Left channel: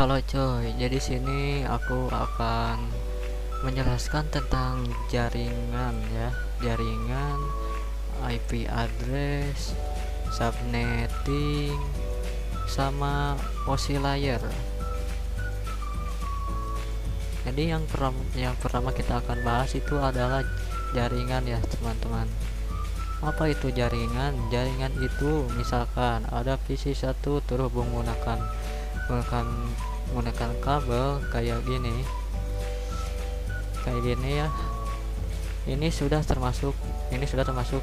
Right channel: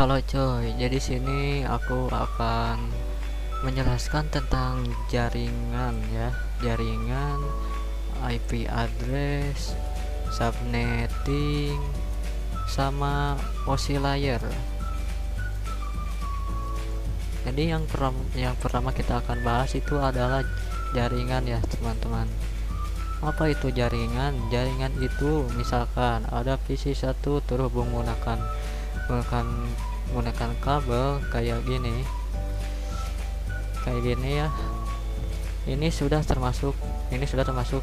Halo coy, jadi sini aku akan menjelaskan tentang jaringan ya, jaringan, IP address, subnetting, sama oscillator. Jadi yang pertama kita akan bahas itu adalah jaringan ya teman-teman. Apa itu jaringan? Jaringan itu misalkan ada PC1 terhubung menggunakan menggunakan kabel kayak gini ya. Ini sudah termasuk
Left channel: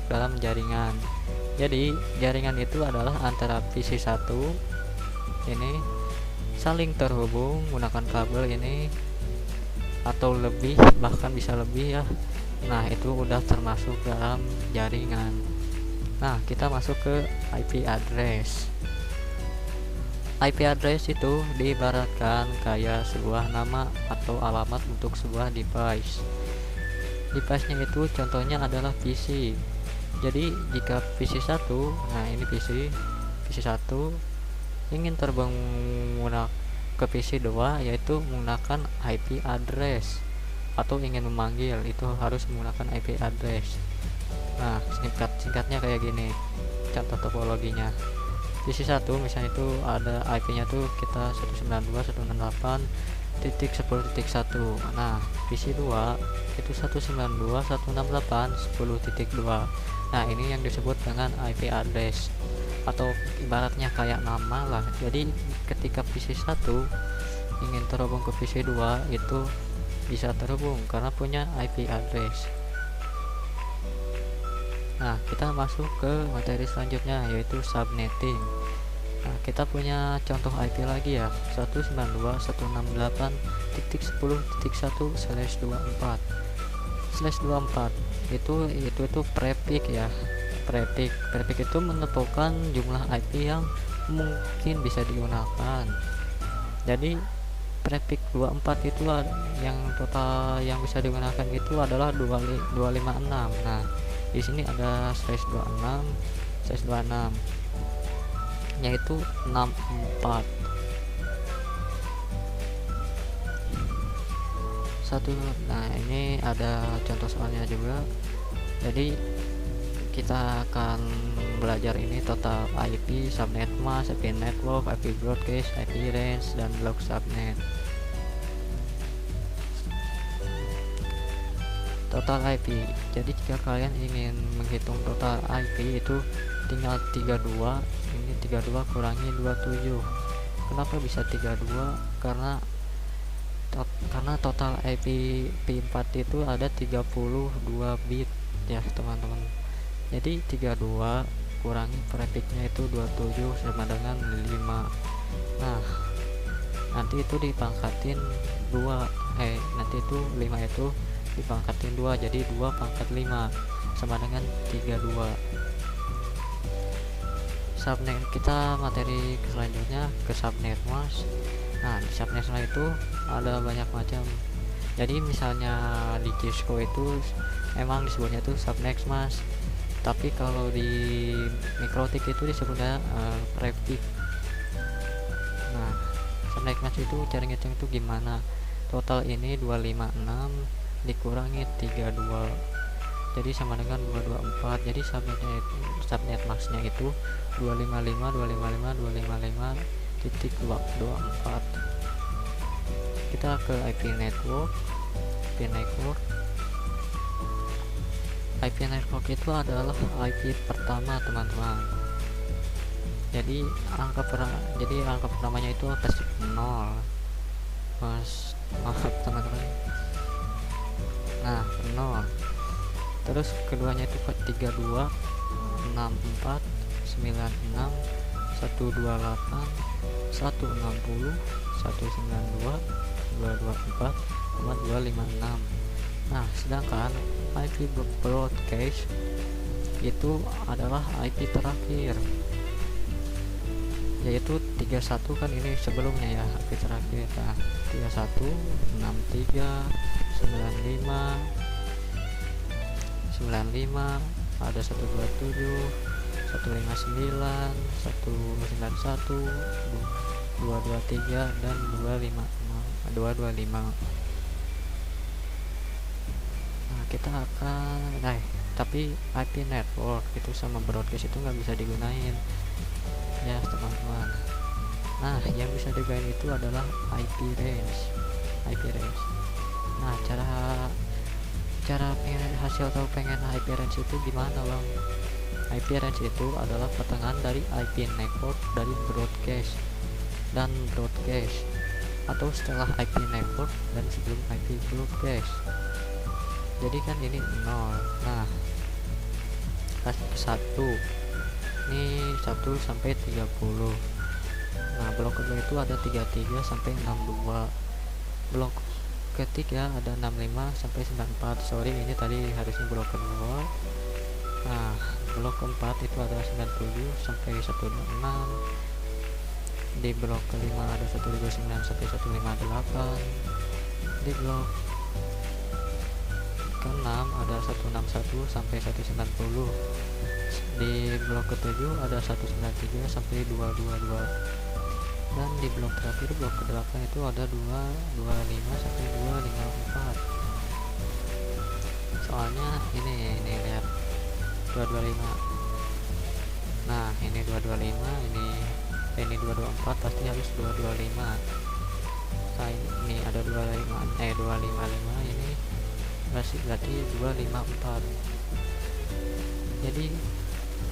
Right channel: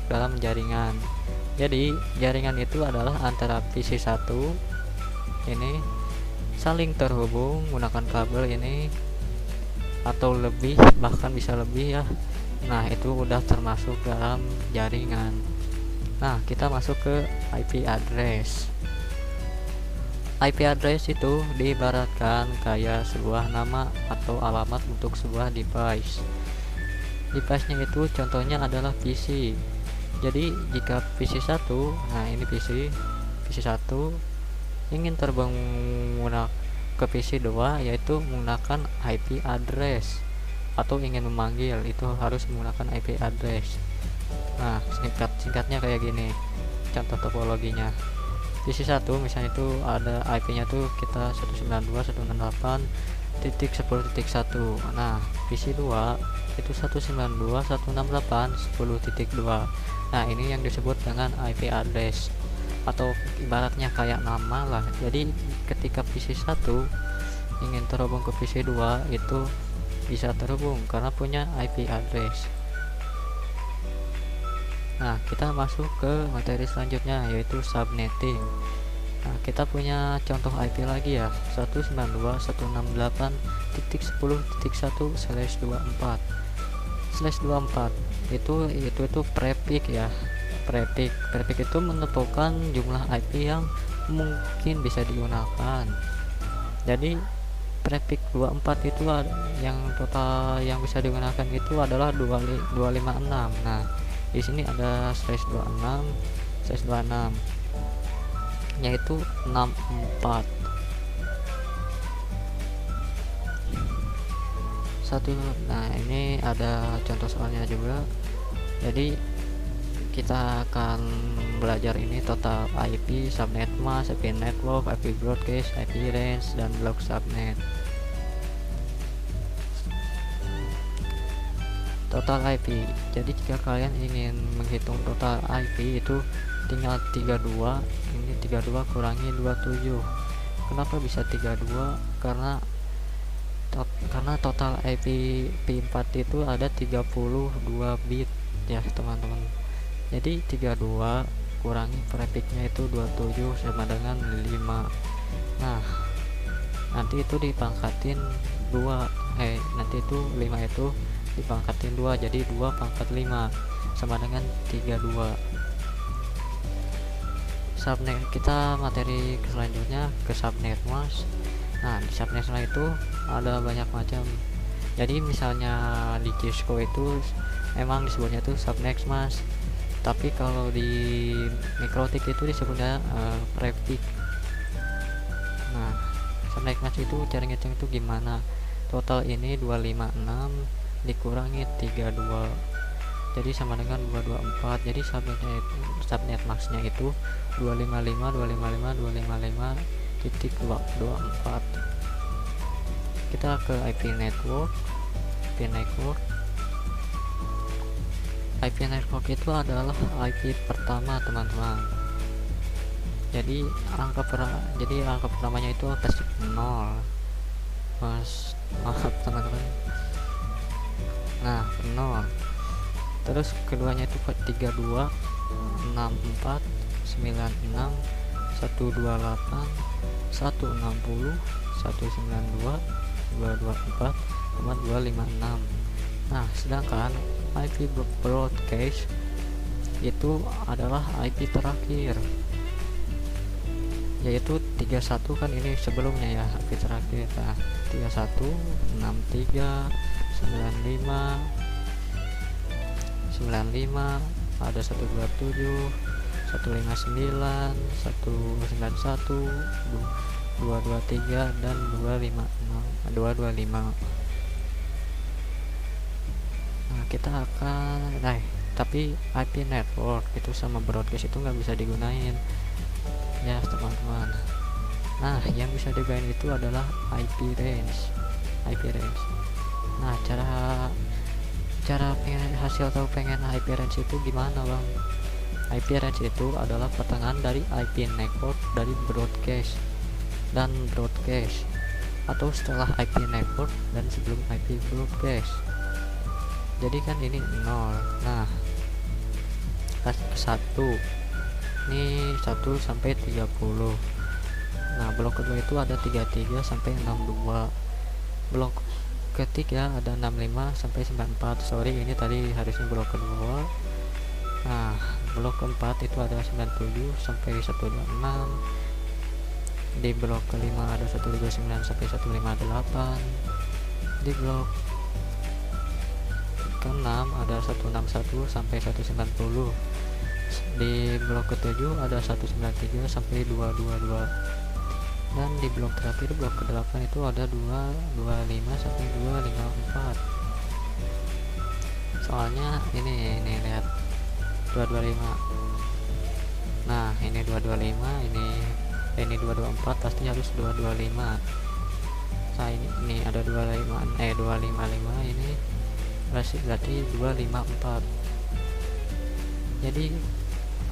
dalam jaringan. Jadi jaringan itu adalah antara PC1 ini saling terhubung menggunakan kabel ini, atau lebih, bahkan bisa lebih ya. Nah, itu udah termasuk dalam jaringan. Nah, kita masuk ke IP address. IP address itu diibaratkan kayak sebuah nama atau alamat untuk sebuah device. Device-nya itu contohnya adalah PC. Jadi jika PC1, nah ini PC1 ingin terbang ke PC2, yaitu menggunakan IP address, atau ingin memanggil itu harus menggunakan IP address. Nah, singkatnya kayak gini contoh topologinya. PC1 misalnya itu ada IP-nya tuh kita 192.168.10.1. Nah, PC2 itu 192.168.10.2. Nah, ini yang disebut dengan IP address, atau ibaratnya kayak nama lah. Jadi ketika PC1 ingin terhubung ke PC2, itu bisa terhubung karena punya IP address. Nah, kita masuk ke materi selanjutnya, yaitu subnetting. Nah, kita punya contoh IP lagi ya, 192.168.10.1/24 itu prefix ya. Prefix itu menentukan jumlah IP yang mungkin bisa digunakan. Jadi prefix 24 itu yang total yang bisa digunakan itu adalah 256. Nah, di sini ada /26 yaitu 64 satu. Nah, ini ada contoh soalnya juga. Jadi kita akan belajar ini total IP, subnet mask, IP network, IP broadcast, IP range, dan log subnet. Total IP. Jadi jika kalian ingin menghitung total IP itu tinggal 32. Ini 32 kurangi 27. Kenapa bisa 32? Karena total IP P4 itu ada 32 bit ya teman-teman. Jadi 32 kurangi prefixnya itu 27 sama dengan 5. Nah, nanti itu dipangkatin 2. Nanti itu 5 itu dipangkatin 2, jadi 2 pangkat 5 sama dengan 32. Subnet, kita materi selanjutnya ke subnet mask. Nah, di subnet mask itu ada banyak macam. Jadi misalnya di Cisco itu emang disebutnya itu subnet mask, tapi kalau di Mikrotik itu disebutnya prefix. Nah, subnet mask itu cara ngitung itu gimana? Total ini 256 dikurangi 32, jadi sama dengan 224. Jadi subnet max-nya itu 255.255.255.24. Kita ke IP network. IP network itu adalah IP pertama teman-teman. Jadi angka pertamanya itu pasti 0. Maaf teman-teman. Nah, 0. Terus keduanya itu 32, 64, 96, 128, 160, 192, 224, 256. Nah, sedangkan IP broadcast itu adalah IP terakhir, yaitu 31 kan ini sebelumnya ya, IP terakhir. Nah, 31, 63, 95, ada 127, 159, 191, 223 dan 255. Nah, kita akan tapi IP network itu sama broadcast itu nggak bisa digunain ya teman-teman. Nah, yang bisa digunain itu adalah IP range. Nah, cara pengen IP range itu gimana bang? IP range itu adalah pertengahan dari IP network dari broadcast dan broadcast, atau setelah IP network dan sebelum IP broadcast. Jadi kan ini 0. Nah, kasih ke 1 ini 1 sampai 30. Nah, blok kedua itu ada 33 sampai 62. Blok ketiga ada 65 sampai 94. Sorry, ini tadi harusnya blok kedua. Nah, blok keempat itu ada 97 sampai 126. Di blok kelima ada 139 sampai 158. Di blok ke-6 ada 161 sampai 190. Di blok ke-7 ada 193 sampai 222. Dan di blok terakhir, blok ke-8 itu ada 225 sampai 254. Soalnya ini lihat 225. Nah, ini 225, ini 224, pasti harus 225. Nah, ini ada 255, ini berarti 254. Jadi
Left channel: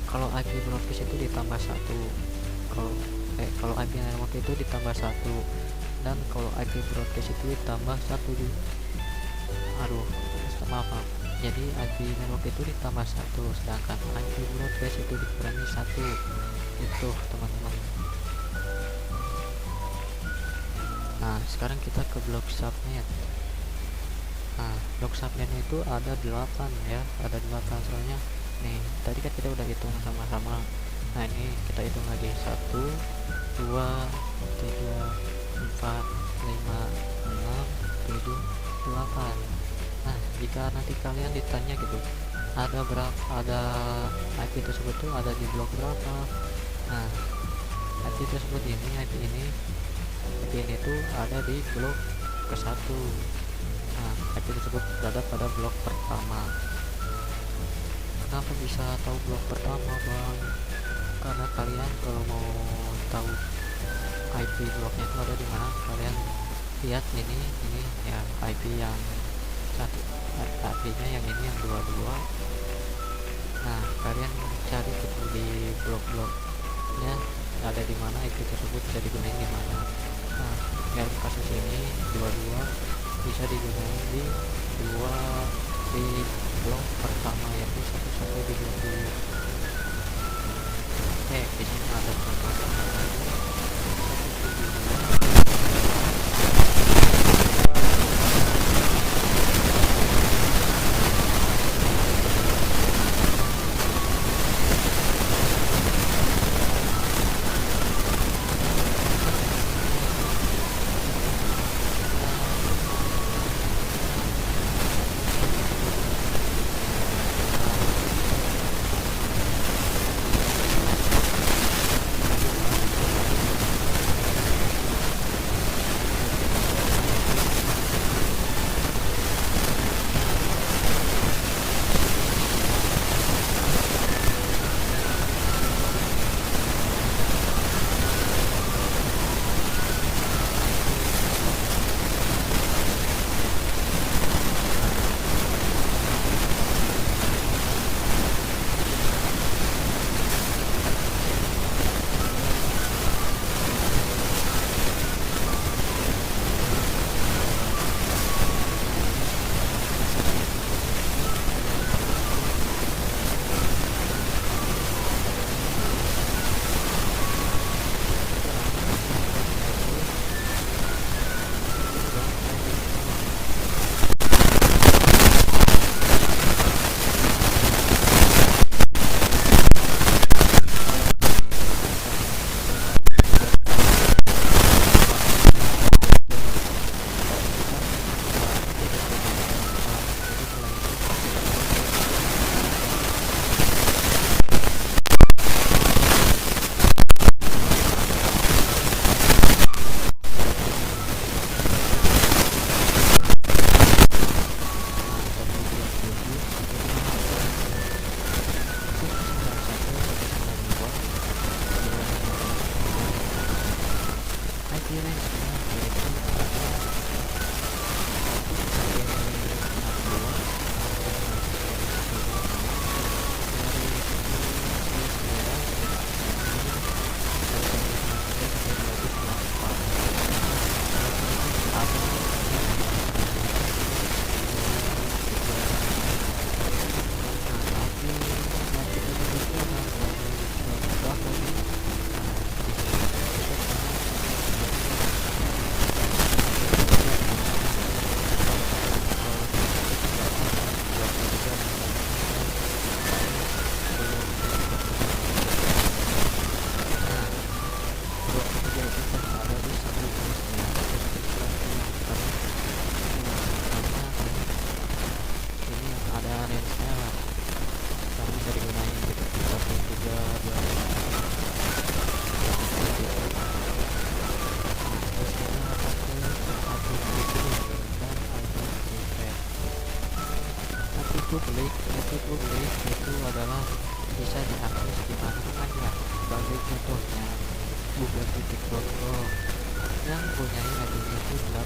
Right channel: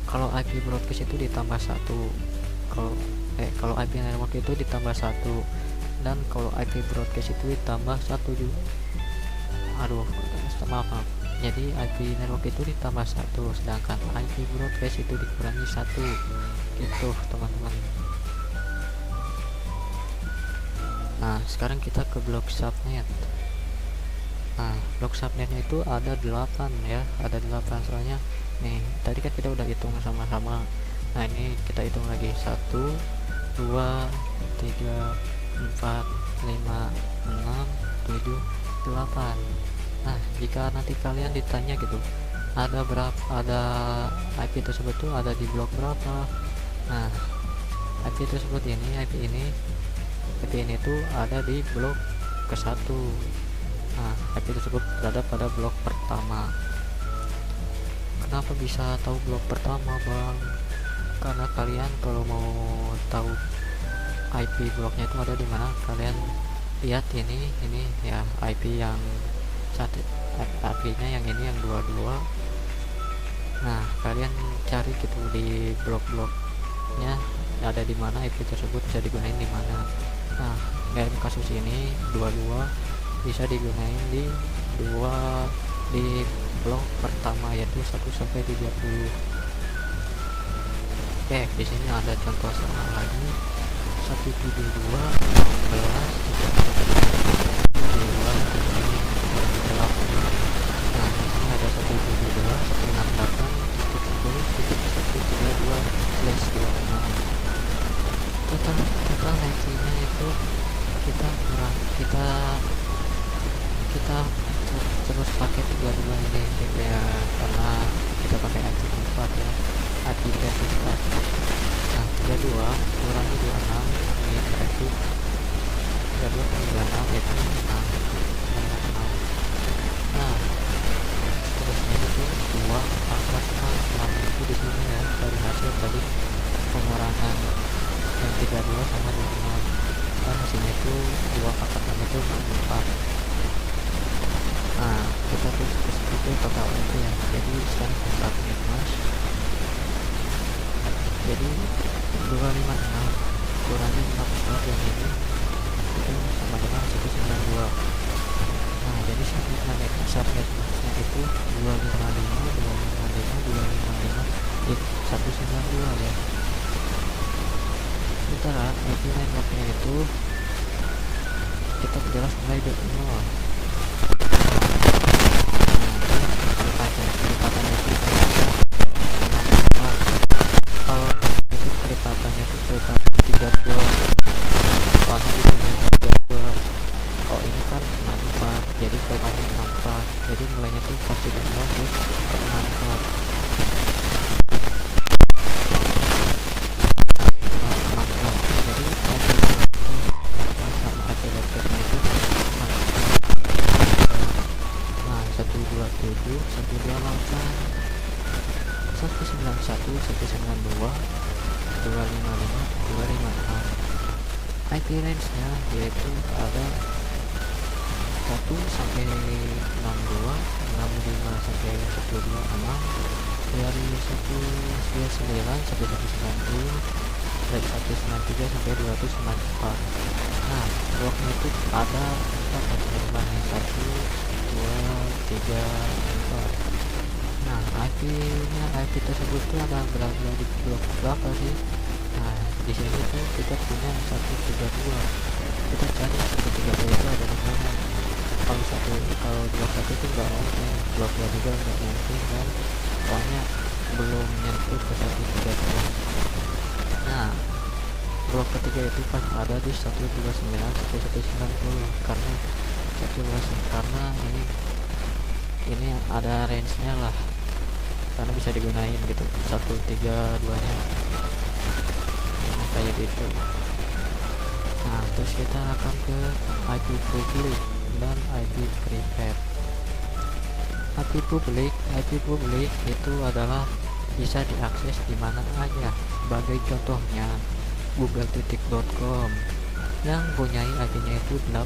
kalau IP broadcast itu ditambah 1, kalau IP network itu ditambah 1, dan kalau IP broadcast itu ditambah 1. Maaf. Jadi IP network itu ditambah 1, sedangkan IP broadcast itu dikurangi 1. Itu teman-teman. Nah, sekarang kita ke blok subnet. Nah, blok subnet itu ada 8 ya, ada 8 soalnya. Nih, tadi kan kita udah hitung sama-sama. Nah, ini kita hitung lagi 1 2 3 4 5 6 7 8. Nah, jika nanti kalian ditanya gitu, ada IP tersebut tuh ada di blok berapa. Nah, IP tersebut IP ini tuh ada di blok ke-1. Nah, IP tersebut berada pada blok pertama. Kenapa bisa tahu blok pertama bang? Karena kalian kalau mau tahu IP bloknya itu ada di mana, kalian lihat ini ya IP yang satu, IP-nya yang ini yang 22. Nah, kalian cari gitu di blok-bloknya ada di mana, IP tersebut bisa digunakan di mana. Nah, yang kasus ini 22 bisa digunakan di blok pertama, yaitu 1 sampai 30. Di sini ada contohnya lagi. publik itu adalah bisa diakses di mana aja. Sebagai contohnya google.com yang punya IP itu 3.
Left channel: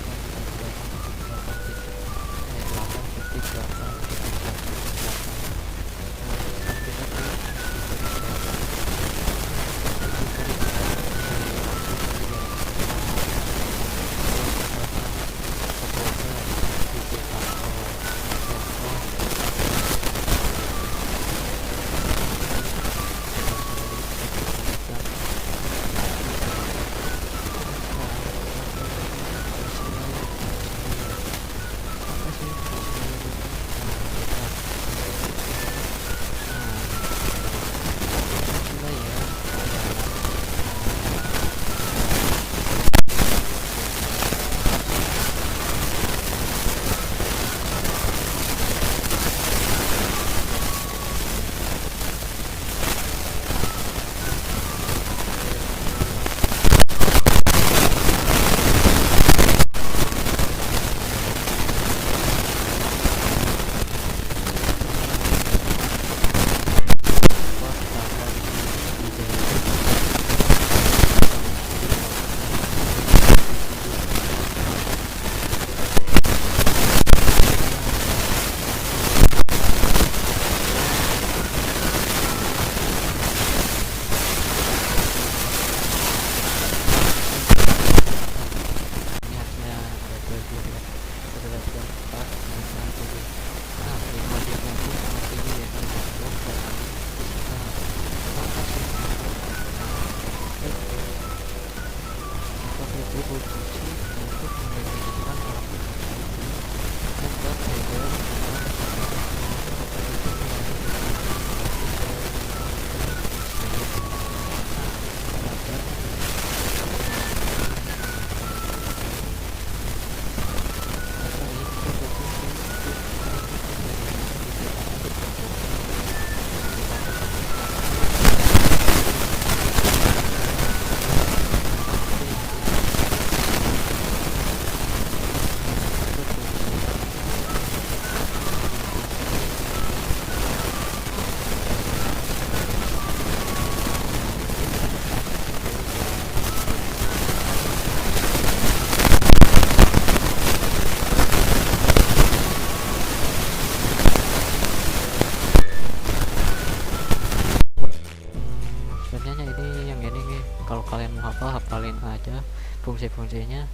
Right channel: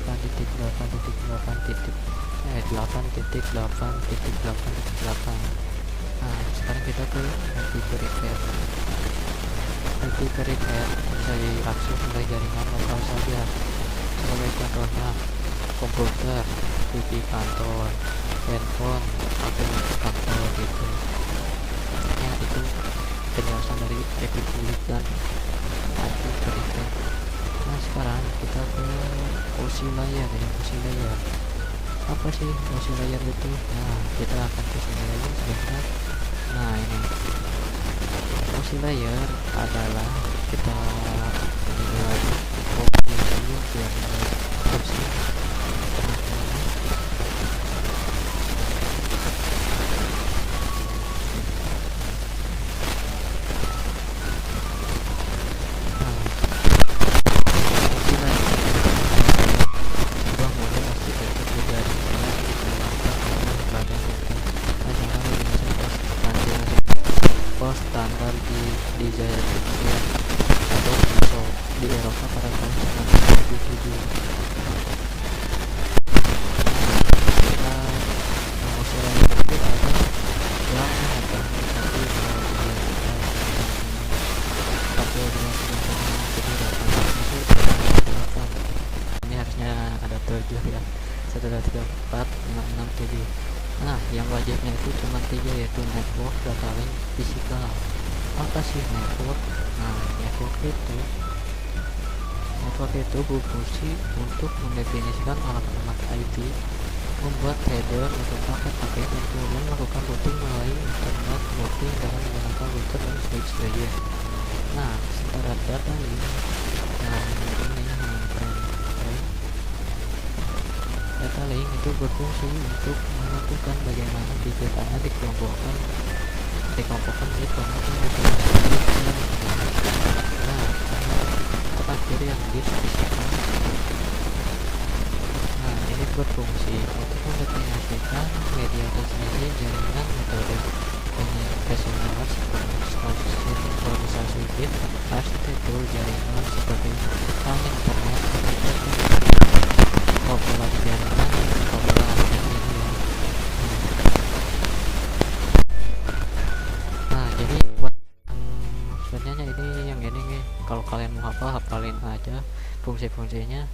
Yang ini nih, kalau kalian mau hafalin aja fungsi-fungsinya,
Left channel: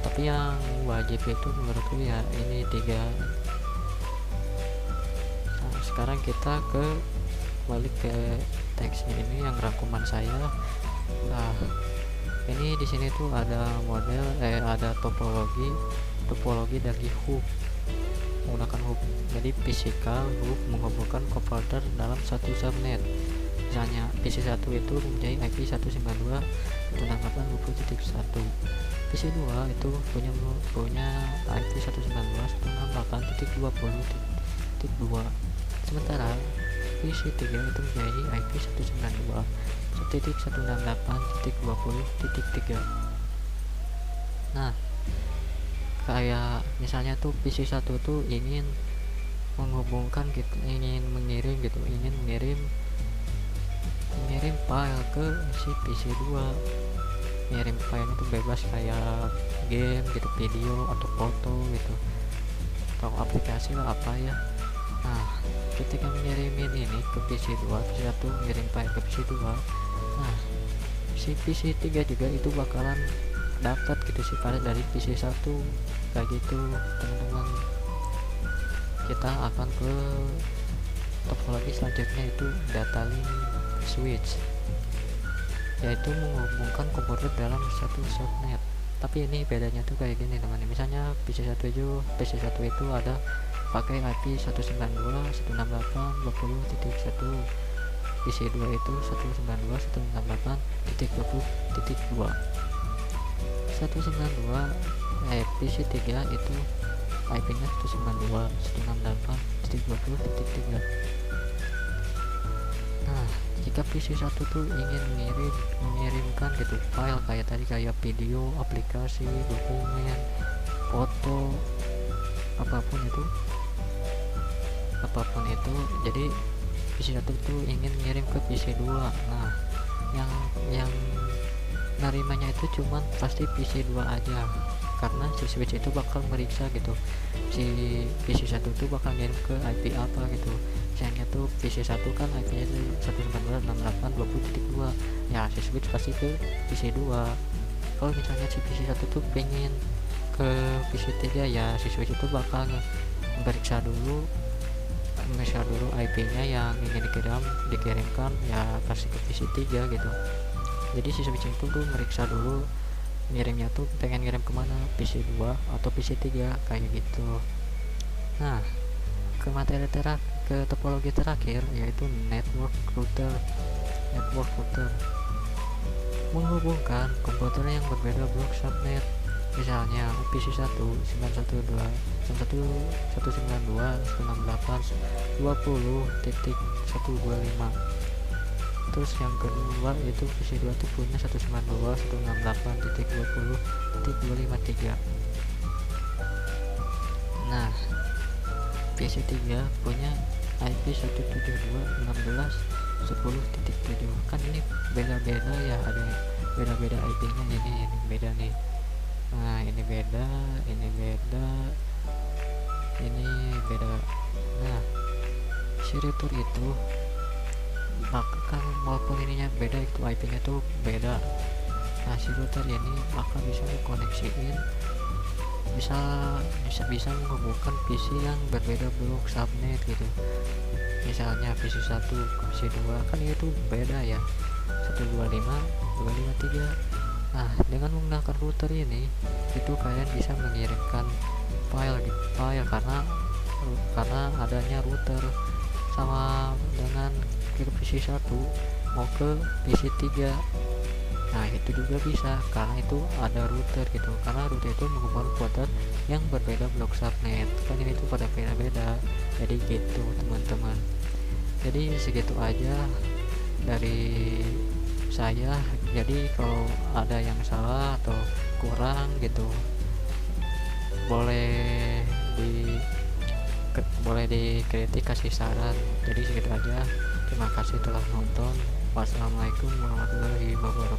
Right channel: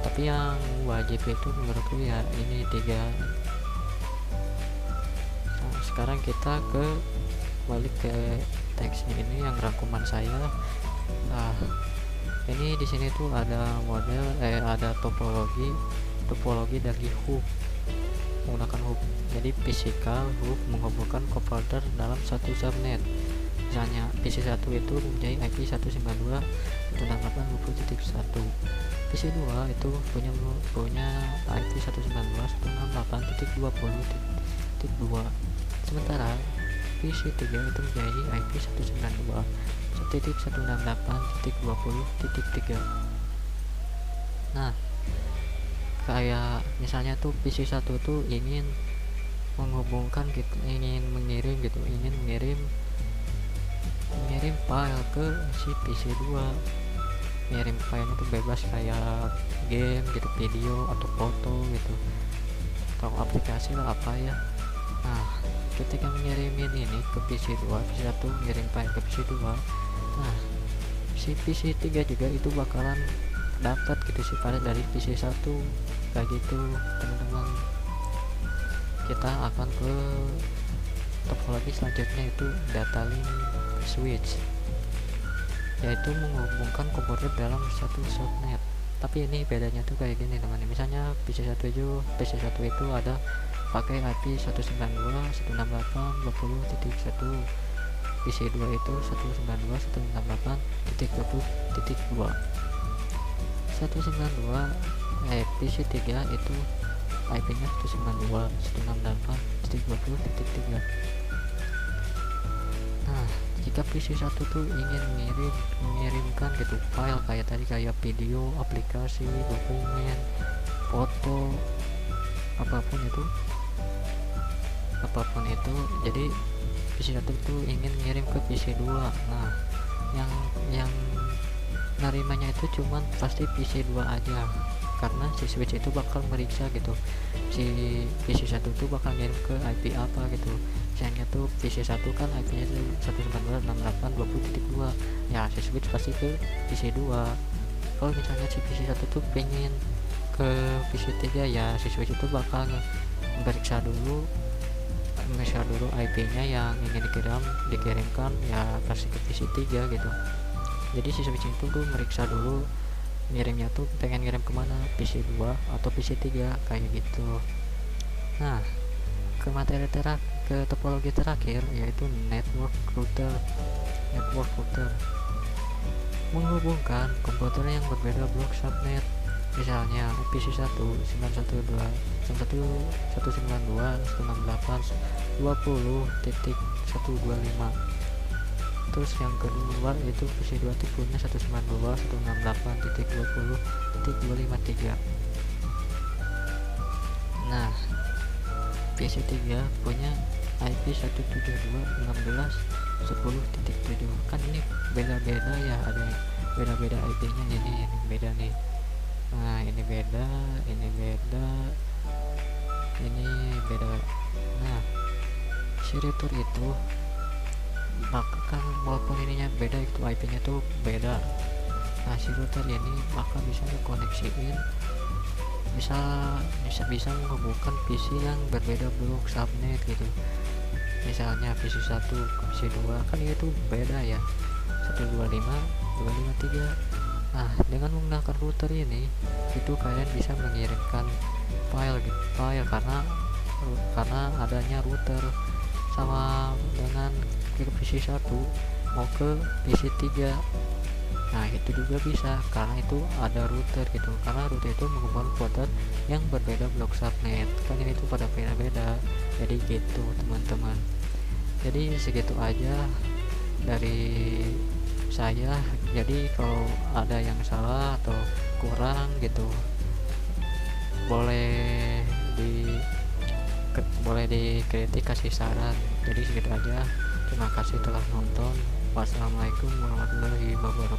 tapi yang wajib itu menurutku ya ini 3. Nah, sekarang kita balik ke teksnya ini yang rangkuman saya. Nah, ini di sini tuh ada ada topologi dari hub menggunakan hub. Jadi physical hub menghubungkan komputer dalam satu subnet. Misalnya PC1 itu mempunyai IP 192.168.20.1, PC2 itu punya IP 192.168.20.2, sementara PC3 itu mempunyai IP 192.168.20.3. Nah, kayak misalnya tuh PC1 tuh ingin menghubungkan gitu, ingin mengirim file ke si PC2. Ngirim file itu bebas kayak game gitu, video atau foto gitu, atau aplikasi lah apa ya. Nah, ketika mengirimin ini ke PC2, PC1 ngirim file ke PC2, nah si PC3 juga itu bakalan dapat gitu sih file dari PC1 kayak gitu teman-teman. Kita akan ke topologi selanjutnya, itu data link switch, yaitu menghubungkan komputer dalam satu subnet. Tapi ini bedanya tuh kayak gini teman-teman. Misalnya PC1 itu ada pakai IP 192.168.20.1, PC2 itu 192.168.20.2. PC3 itu IP-nya 192.168.20.3. Nah, jika PC1 tuh ingin mengirimkan gitu file kayak tadi, kayak video, aplikasi, dokumen, foto, apapun itu apapun itu. Jadi PC 1 tuh ingin ngirim ke PC 2. Nah, yang nerimanya itu cuman pasti PC 2 aja, karena si switch itu bakal meriksa gitu, si PC 1 tuh bakal ngirim ke IP apa gitu. Misalnya tuh PC 1 kan IP nya itu 192.168.20.2, ya si switch pasti ke PC 2. Kalau misalnya si PC 1 tuh pengen ke PC 3, ya si switch itu bakal meriksa dulu IP nya yang ingin dikirimkan, ya pasti ke PC 3 gitu. Jadi si switch itu tuh meriksa dulu ngirimnya tuh pengen ngirim kemana, PC 2 atau PC 3 kayak gitu. Nah, ke ke topologi terakhir, yaitu network router menghubungkan komputer yang berbeda blok subnet. Misalnya PC 1 912.168.20.125. Terus yang kedua itu PC 2 tuh punya 192.168.20.253. Nah, PC 3 punya IP 172.16.10.7. Kan ini beda-beda ya, ada beda-beda IP nya. Ini beda nih. Nah, ini beda, ini beda. Nah, si router itu bahkan walaupun ininya beda, itu IP nya tuh beda. Nah, si router ini bakal bisa dikoneksiin, bisa menghubungkan PC yang berbeda blok subnet gitu. Misalnya PC 1 ke PC 2 kan itu beda ya, 125.253. Nah, dengan menggunakan router ini itu kalian bisa mengirimkan file karena adanya router, sama dengan ke PC 1 mau ke PC 3. Nah, itu juga bisa karena itu ada router gitu, karena router itu menghubungkan komputer yang berbeda blok subnet. Kan ini tuh pada beda-beda. Jadi gitu teman-teman. Jadi segitu aja dari saya. Jadi kalau ada yang salah atau kurang gitu, boleh dikritik, kasih saran. Jadi segitu aja. Terima kasih telah nonton. Wassalamualaikum warahmatullahi wabarakatuh.